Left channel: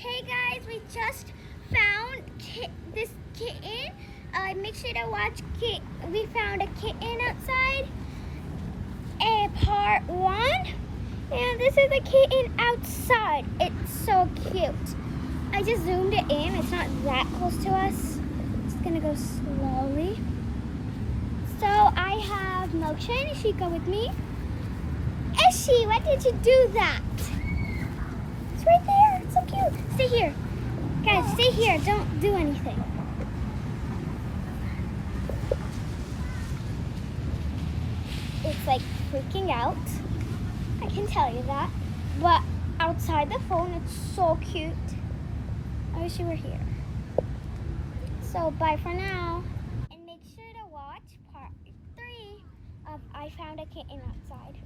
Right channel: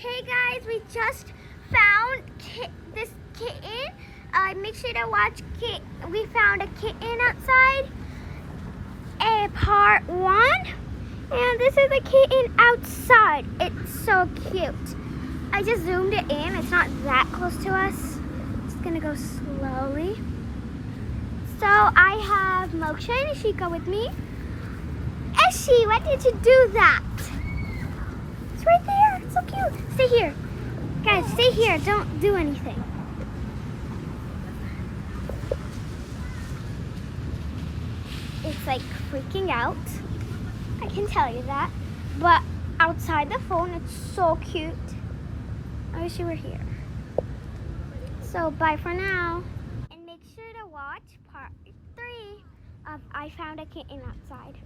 Hey guys, we just found this kitten. Make sure to watch we found a kitten outside, part 1. And this is a kitten outside. It's so cute. I just zoomed it in. It's not that close to us. Just gonna go slowly. So I have Moksha and Ishika with me. Eshi, why did you do that? It's right there. It's so cute. Stay here. Guys, stay here. Don't do anything. It's like freaking out. I can tell you that. But outside the phone, it's so cute. I wish you were here. So bye for now. And make sure to watch part 3 of I Found a Kitten Outside.